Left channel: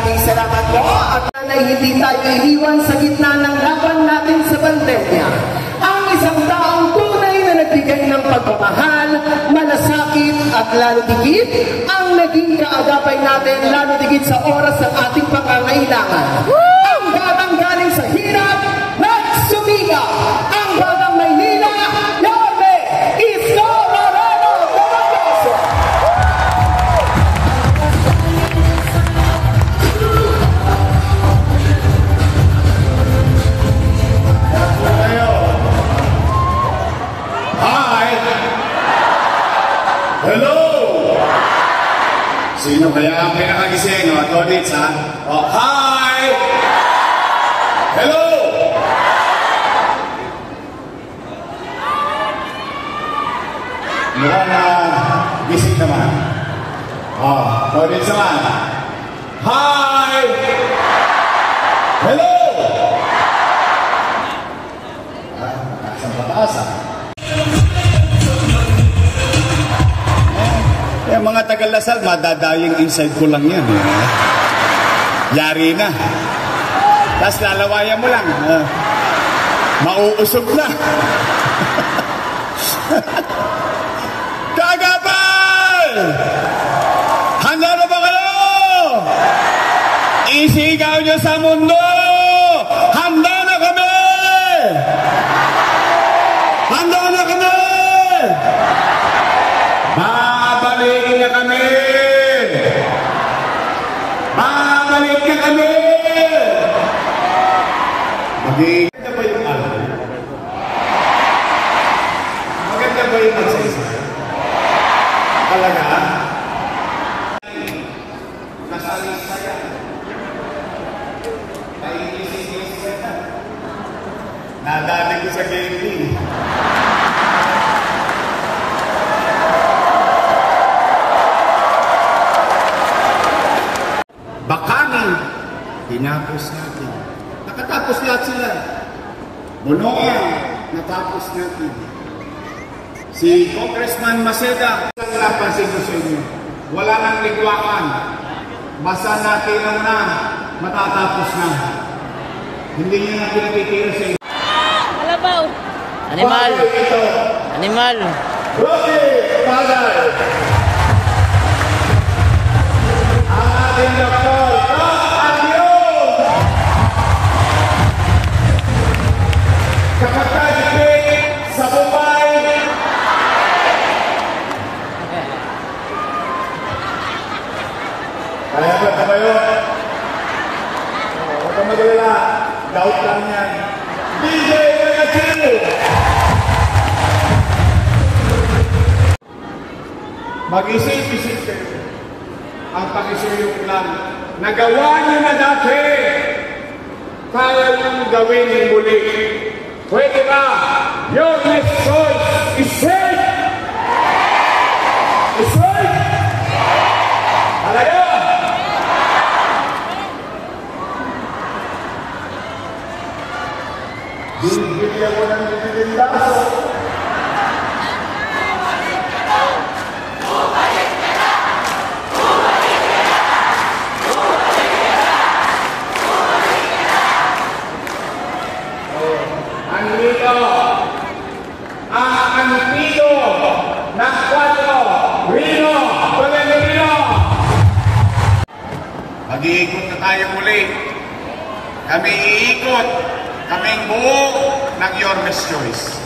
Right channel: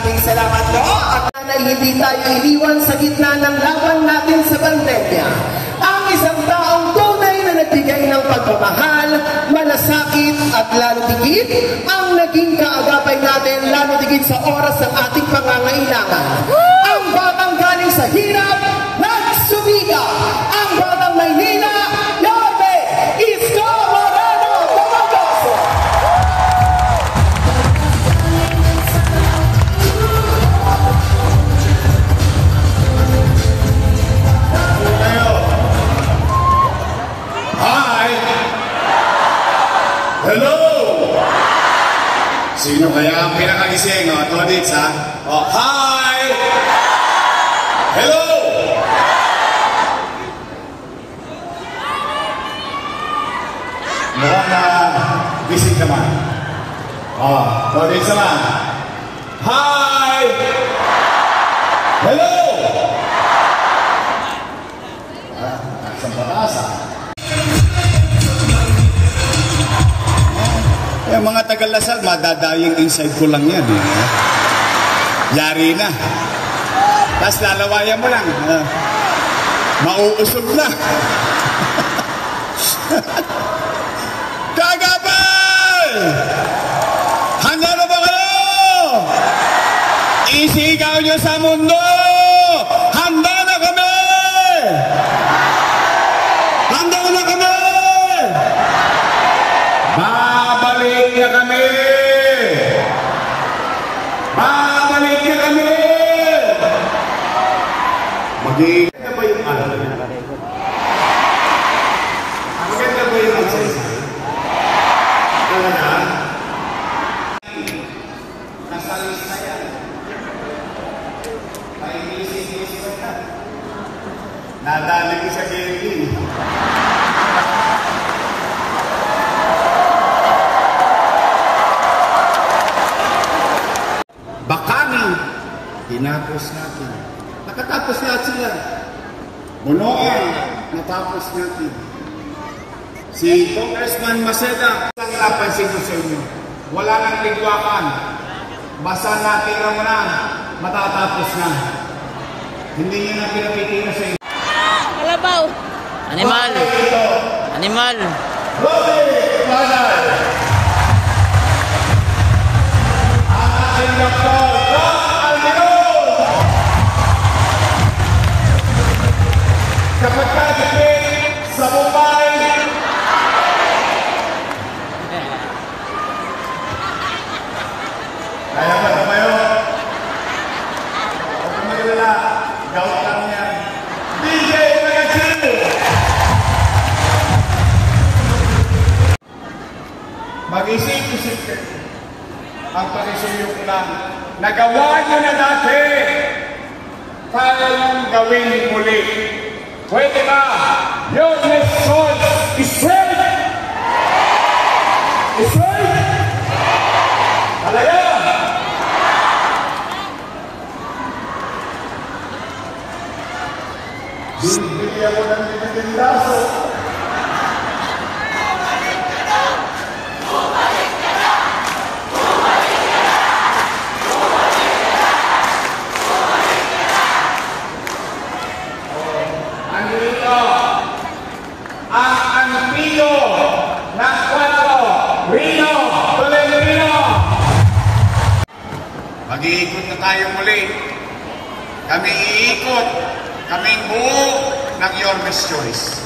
Maraming salamat po. At hindi tayo iniwan sa gitna ng laban natin sa pandemya. Ang isang taong tunay na nagbigay ng pagmamahal, malasakit at lalo digit ang naging kaagapay natin lalo digit sa oras ng ating pangangailangan. Ang batang galing sa hirap, nagsumika. Ang batang Maynila, Yorme Isko Moreno Tomagoso. Sino kaya ang pinakagising? O, Todits, ha? O, hi! Hello! Mukhang na gising naman. O, Todits naman. Hi! Hello! Sa mataas, ha? Mga Tagalasal, madadayang inside ko lang yan. Yari na. Tapos lalawayan mo lang. Mauusog na. Kagabal! Handa na ba kayo? Isigaw nyo sa mundo! Handa na kami! Handa na kami! Babalik na kami! Babalik na kami! Maganda ba yung album? Maganda ba yung isa-isa? Talaga? Nasa-isa yan. Pag-iisip-isip ka. Nadali ko sa game. Bakangin, tinapos natin. Nakatapos lahat sila. Bunoan, natapos natin. Si Congressman Maceda, ang napansin ko sa inyo. Wala nang ligwakan. Basta natin na matatapos na. Hindi niya na pinatitiro sa inyo. Kalabaw! Animal! Animal! Rocky! Father! Mag-isip-isip kayo ang pakisuyo ko lang. Nagawa niyo na dati. Kala yung gawin muli. Pwede ba? Your next choice is right! Is right! Talaga! Bibigyan mo ng binilindaso. Mag-iikot na tayo muli. Kami iikot. Kaming buo ng Your Best Choice.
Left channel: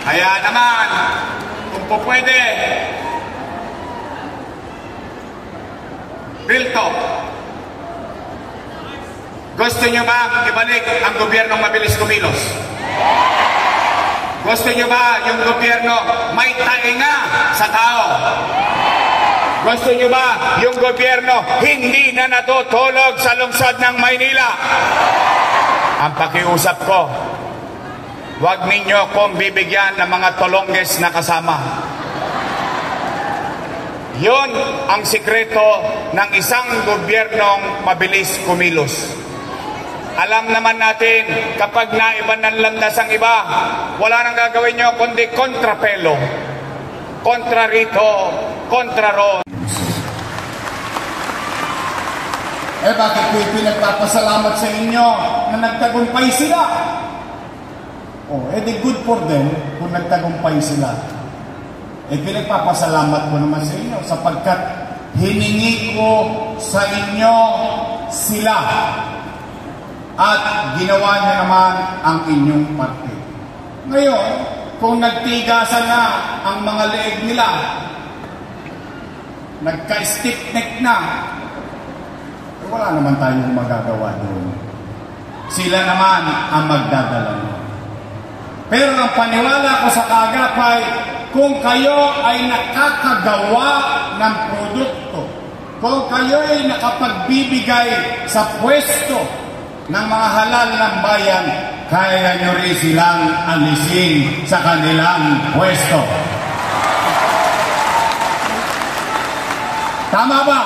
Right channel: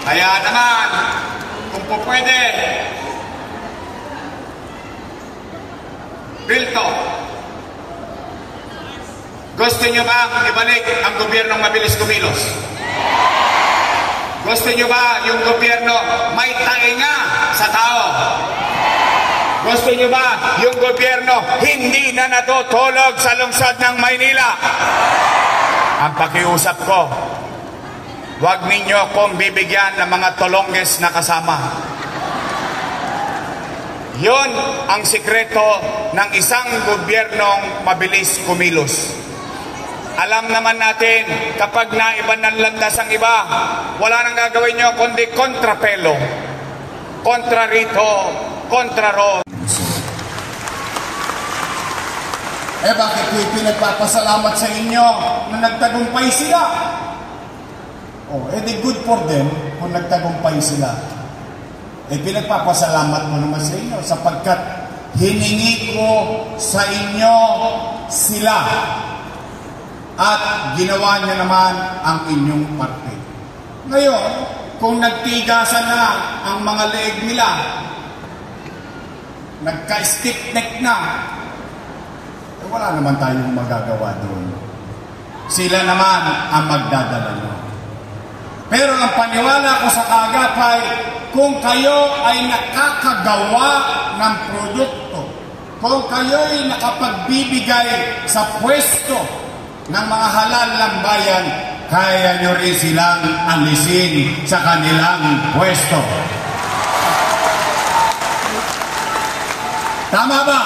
Kaya naman, kung po pwede, Bilto, gusto nyo ba ibalik ang gobyernong mabilis kumilos? Gusto nyo ba yung gobyerno may tainga sa tao? Gusto nyo ba yung gobyerno hindi na natutulog sa lungsod ng Maynila? Ang pakiusap ko, huwag ninyo akong bibigyan ng mga tolongges na kasama. Yun ang sikreto ng isang gobyernong mabilis kumilos. Alam naman natin, kapag naiban ng landas ang iba, wala nang gagawin nyo kundi kontrapelo. Kontra rito, kontra ron. Bakit ko pinagpapasalamat sa inyo na nagtagumpay sila? Di good for them kung nagtagumpay sila. Pinagpapasalamat mo naman sa inyo sapagkat hiningi ko sa inyo sila at ginawa niyo naman ang inyong parte. Ngayon, kung nagtigasan na ang mga leeg nila, nagka-stick neck na, wala naman tayong magagawa doon. Sila naman ang magdadala nyo. Pero ang paniwala ko sa Kaagapay, kung kayo ay nakakagawa ng produkto kung kayo'y nakapagbibigay sa pwesto ng mga halal ng bayan, kaya nyo rin silang alisin sa kanilang pwesto. Tama ba?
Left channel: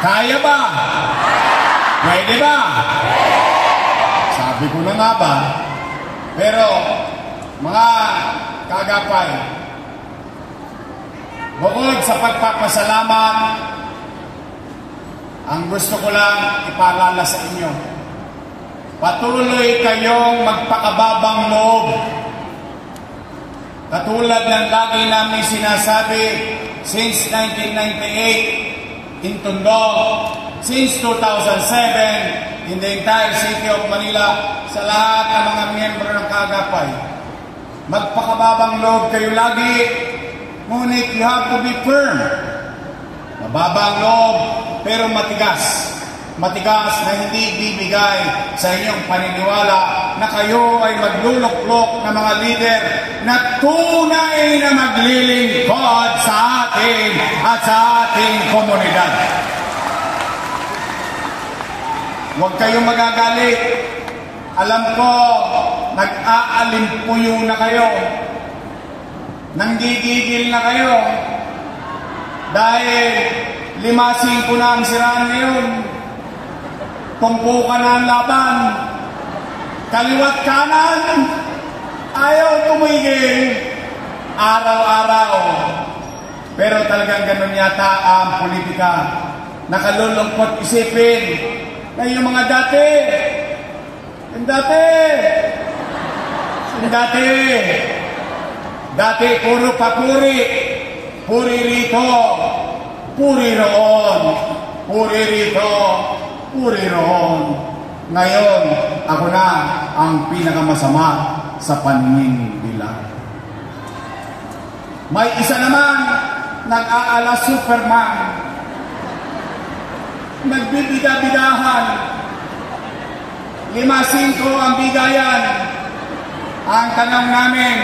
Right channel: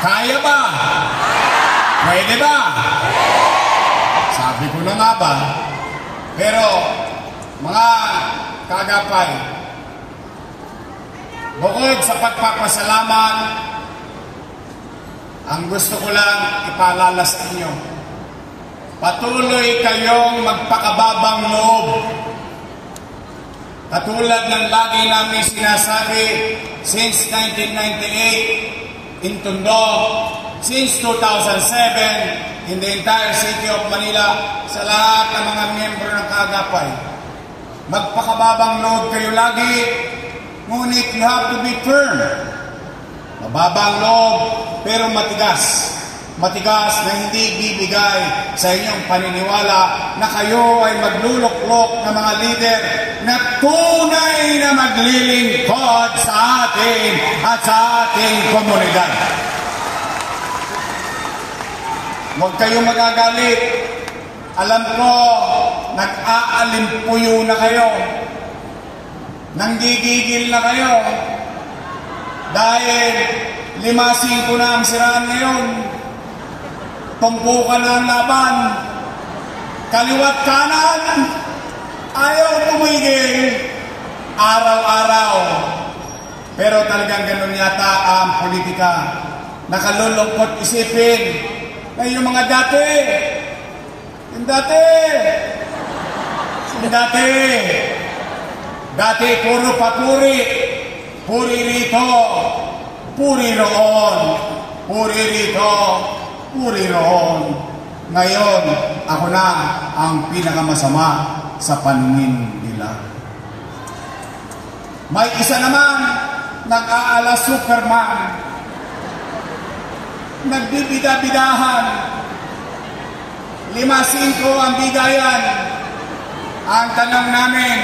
Kaya ba? Pwede ba? Sabi ko na nga ba? Pero, mga kagapay, bukod sa pagpapasalamat, ang gusto ko lang ipaalala sa inyo, patuloy kayong magpakababang loob. Katulad ng lagi namin sinasabi, since 1998 in Tondo, since 2007 in the entire city of Manila, sa lahat ng mga miyembro ng Kaagapay, magpakababang loob kayo lagi, ngunit you have to be firm. Mababang loob, pero matigas. Matigas na hindi bibigay sa inyong paniniwala na kayo ay magluluklok na mga leader na tunay na maglilingkod sa atin at sa ating komunidad. Huwag kayong magagalit. Alam ko, nag-aalimpuyo na kayo. Nanggigigil na kayo. Dahil 5-5 na ang siraan ngayon. Tumpukan na ang laban. Kaliwat kanan. Ayaw tumigil. Araw-araw. Pero talagang ganun yata ang politika. Nakalulungkot isipin na yung mga dati. Dati puro papuri. Puri rito. Puri roon. Puri rito. Puri roon. Ngayon, ako na ang pinakamasama sa paningin nila. May isa naman nag-aala Superman. Nagbibida-bidahan. 5-5 ang bigayan. Ang tanong namin,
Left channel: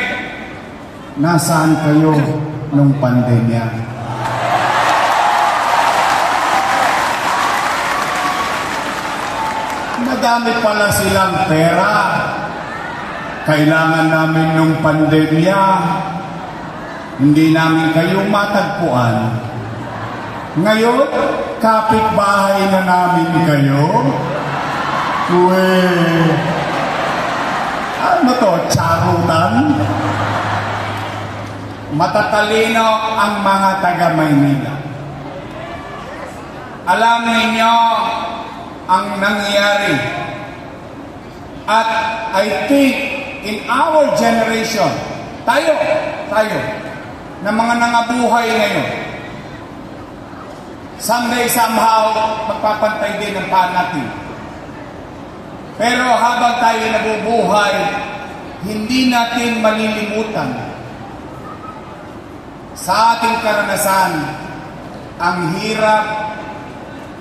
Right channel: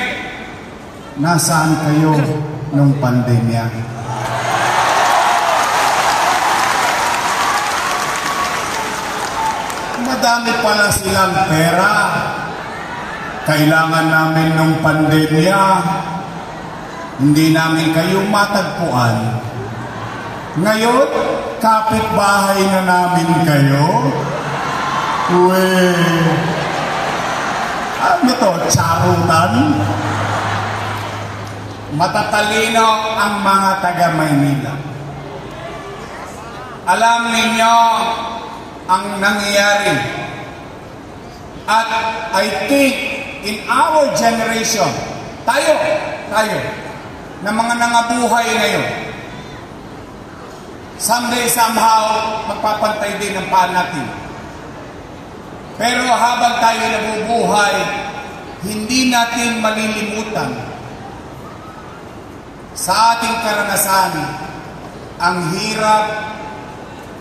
nasaan kayo nung pandemya? Madami pala silang pera. Kailangan namin nung pandemya. Hindi namin kayo matagpuan. Ngayon, kapitbahay na namin kayo. Uwe. Ano to? Charutan? Matatalino ang mga taga-Maynila. Alam ninyo ang nangyayari. At I think in our generation, tayo, na mga nangabuhay ngayon, someday somehow, magpapantay din ang paan natin. Pero habang tayo nabubuhay, hindi natin malilimutan sa ating karanasan ang hirap,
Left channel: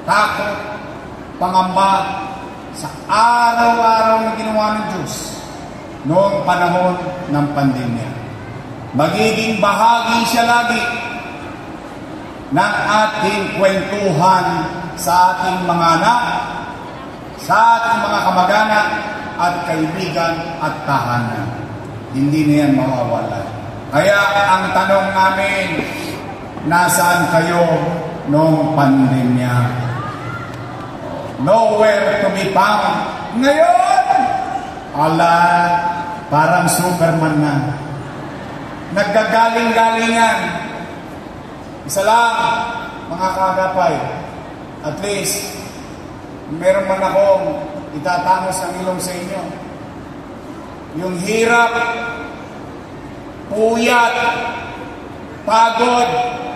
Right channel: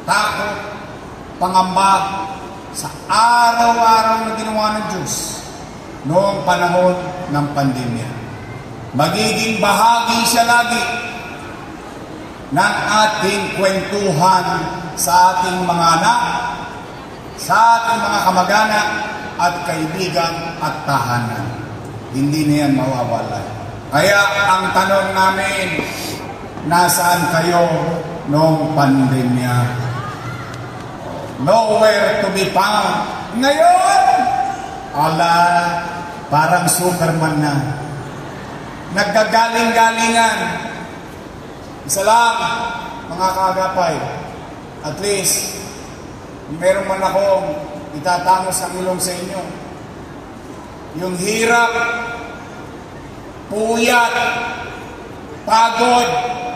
takot, pangamba sa araw-araw na ginawa ng Diyos noong panahon ng pandemya. Magiging bahagi siya lagi ng ating kwentuhan sa ating mga anak, sa ating mga kamag-anak at kaibigan at tahanan. Hindi na yan mawawala. Kaya ang tanong namin, nasaan kayo noong pandemya? Nowhere to be found. Ngayon, ala, parang Superman na. Naggagaling-galingan. Isa lang, mga kaagapay, at least, meron man akong itatango sa ilong sa inyo. Yung hirap, puyat, pagod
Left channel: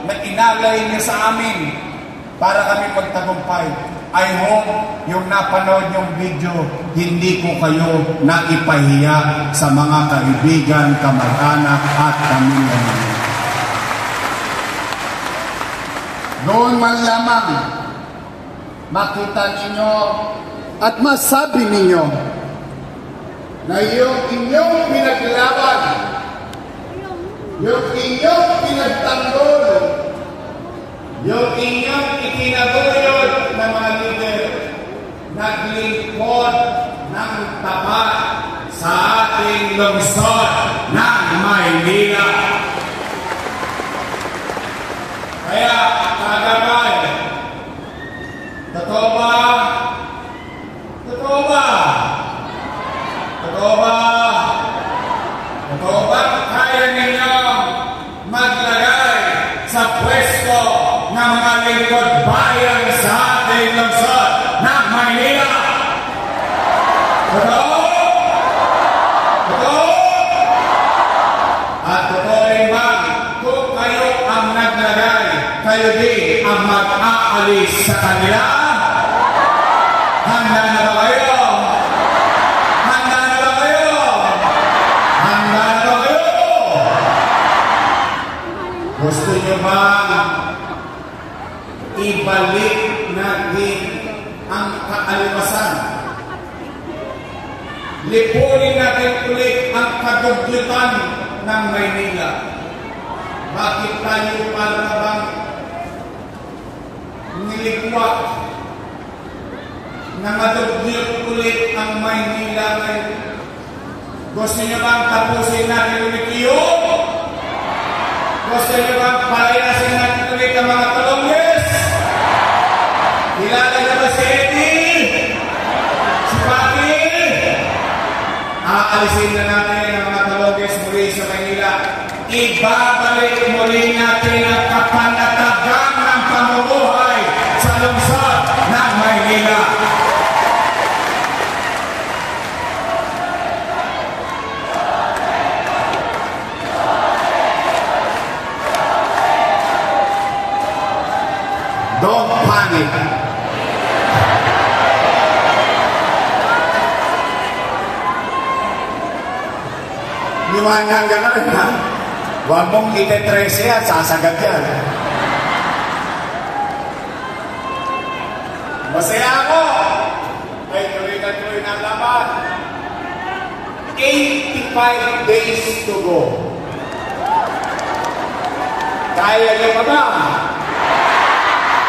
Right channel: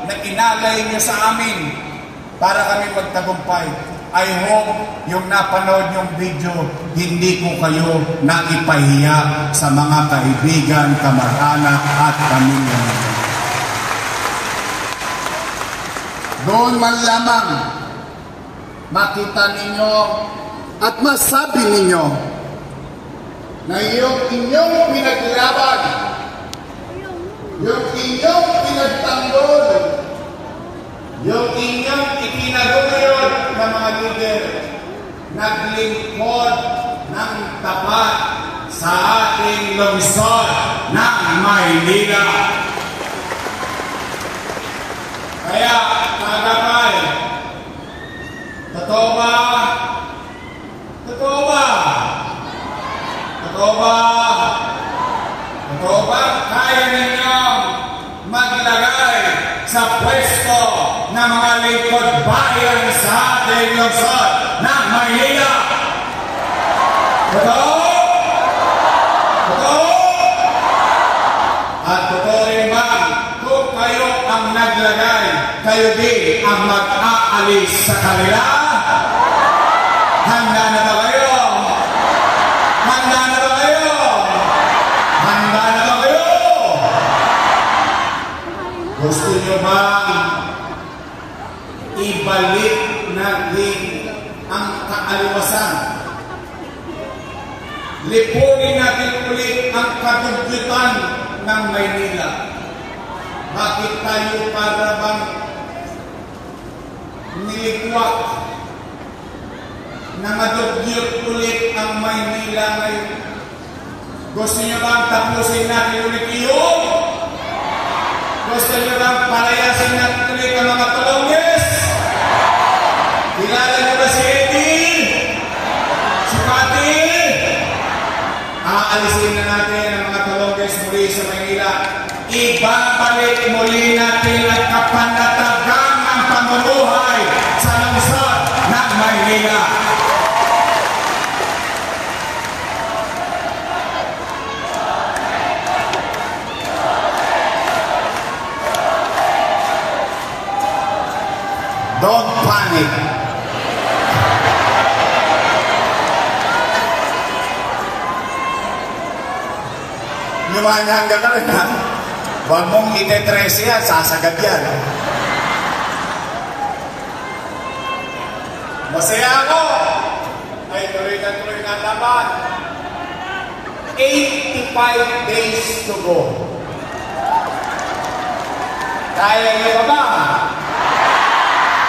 na inalay niyo sa amin para kami magtagumpay. I hope yung napanood yung video, hindi ko kayo naipahiya sa mga kaibigan, kamag-anak at pamilya. Doon man lamang makita ninyo at masabi ninyo na yung inyong pinaglaban, yung inyong pinagtanggol, yung inyong itinaguyod na mga leader, naglingkod ng tapat sa ating lungsod ng Maynila. Kaya, kagapay, totoo ba? Totoo ba? Totoo ba? Totoo ba kaya ninyong maglagay sa pwesto ng mga lingkod bayan sa ating lungsod ng Maynila? Totoo? Totoo? At totoo rin ba kung kayo ang naglagay, kayo din ang mag-aalis sa kanila? Handa na ba kayo? Handa na ba kayo? Handa na ba kayo? Gusto nyo ba ibalik natin ang kaaliwasan? Lipunin natin ulit ang kadugyutan ng Maynila. Bakit tayo para bang niligwak na madugyot ulit ang Maynila ngayon? Gusto nyo bang tapusin natin ulit yun? Gusto nyo bang palayasin natin ulit ang mga Tulonges? Kilala nyo ba si Eddie? Si Pati? Aalisin na natin ang mga Tulonges muli sa Maynila. Ibabalik muli natin ang kapanatagan ng pamumuhay sa lungsod ng Maynila. Don't panic. Lumanyangga ka rin, ha? Huwag mong ite-13 yan, sasagad yan. Masaya ako. Ay, tuloy na laban. 85 days to go. Kaya niyo ba?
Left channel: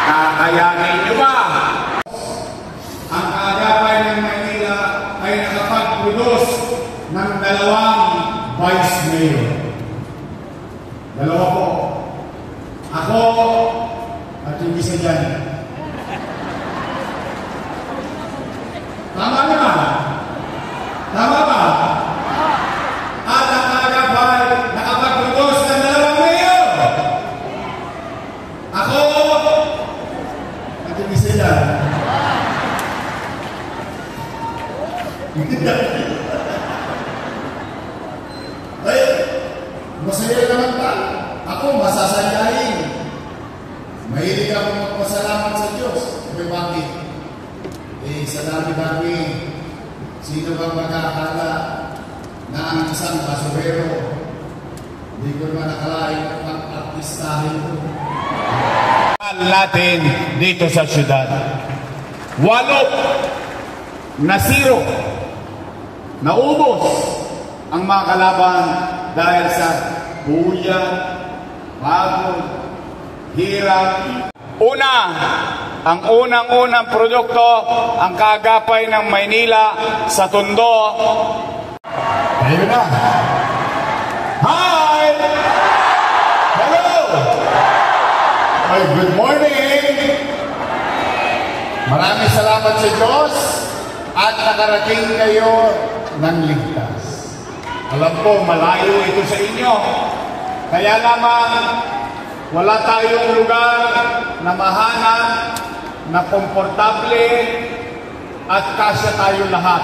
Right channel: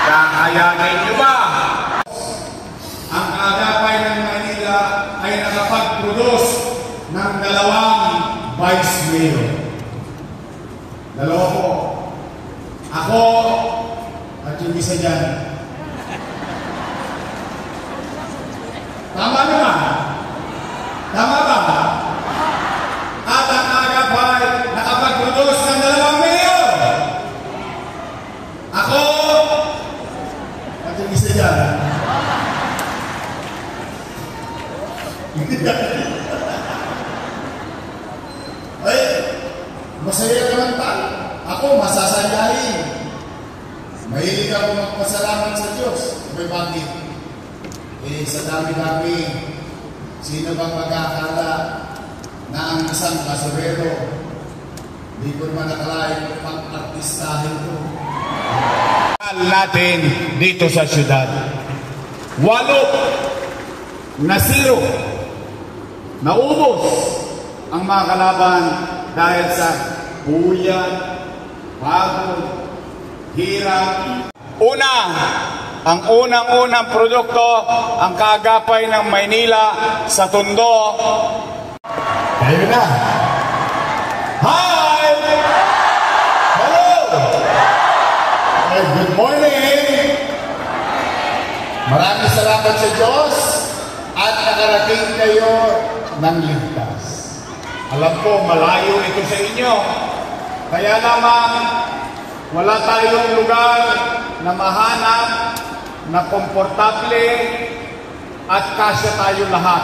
Kakayanin niyo ba? Ang kaagapay ng Maynila ay nakapag-produce ng 2 vice mayor. 2 po. Ako at yung isa dyan. Tama niya? Tama ba? At ang kaagapay nakapag-produce ng 2 mayor. Ako at yung isa dyan. Ay, masaya naman ba? Ako, masasayahin. Mahilig ako magpasalamat sa Diyos. Sabi bakit? Sa dami-dami, sino bang magkakala na ang isang basurero, hindi ko naman nakalain pag-artistahin ko. Natin dito sa syudad. 8 na 0. Naubos ang mga kalaban dahil sa buya, pagod, hirap. Ang unang-unang produkto, ang kaagapay ng Maynila sa Tondo. Kayo na. Hi! Hello! Ay, good morning! Maraming salamat sa Diyos at nakarating kayo ng ligtas. Alam ko, malayo ito sa inyo. Kaya naman, wala tayong lugar na mahanap, na komportable, at kasya tayo lahat.